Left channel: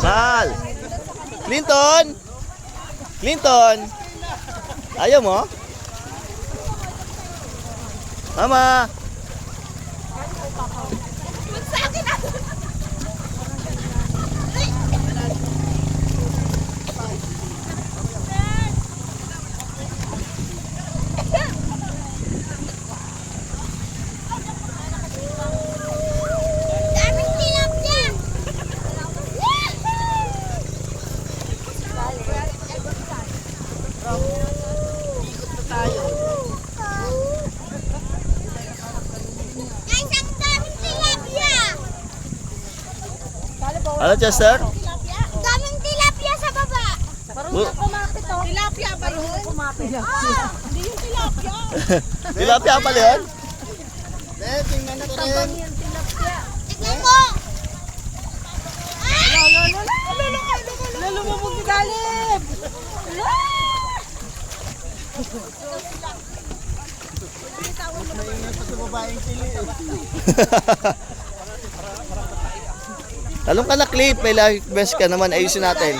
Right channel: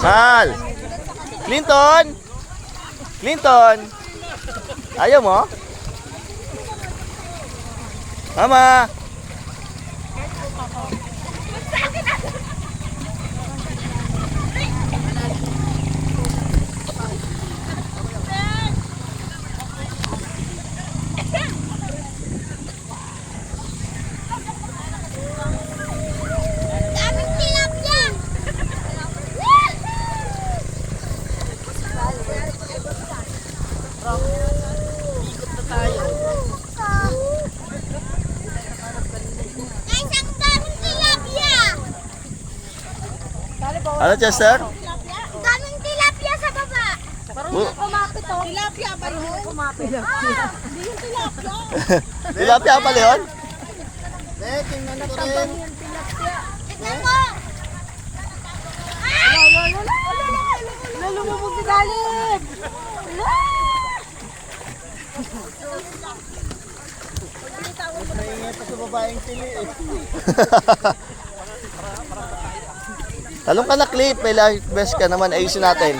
Mahal. Clinton. Clinton. Ayaw mo? Mama. Ano, Chester? Daming tilapia sa baba. Oh. Kumapit oh. Tilapia ba yun? Kumapit. Hindi yung tilapia. Tilapia pala yun? Tingnan natabang yung tilapia. Tignan mo. Lumubog si Galib. Maingat sa babaeng tili eh. Talong ka na, Clip. May life vest ka naman. Ayusin natin.